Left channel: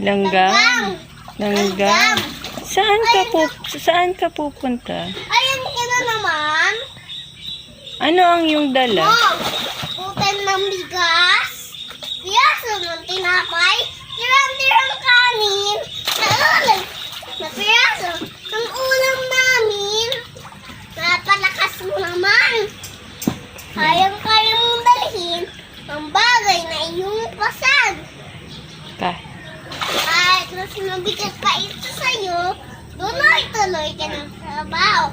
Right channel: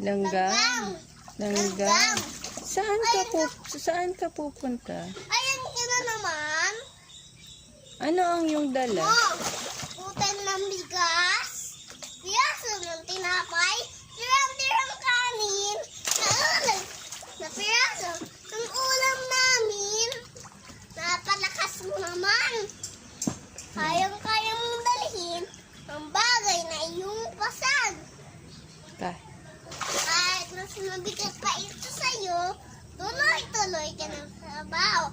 Langgam. Langgam. Saan ka pupunta? Ayun ka na naman. Ano ang iyong dala? Oh, putan ng bigas. Piyaso ng tinapay. Tirang-tirang kanin. Na piyaso ng ulam namin. Napalakas mo naman. Kayang-kaya mong dalhin ang bagay na iyong pasag. Kahit na sinabigat pa ito sa'yo, tuloy-tuloy ka ng trabaho.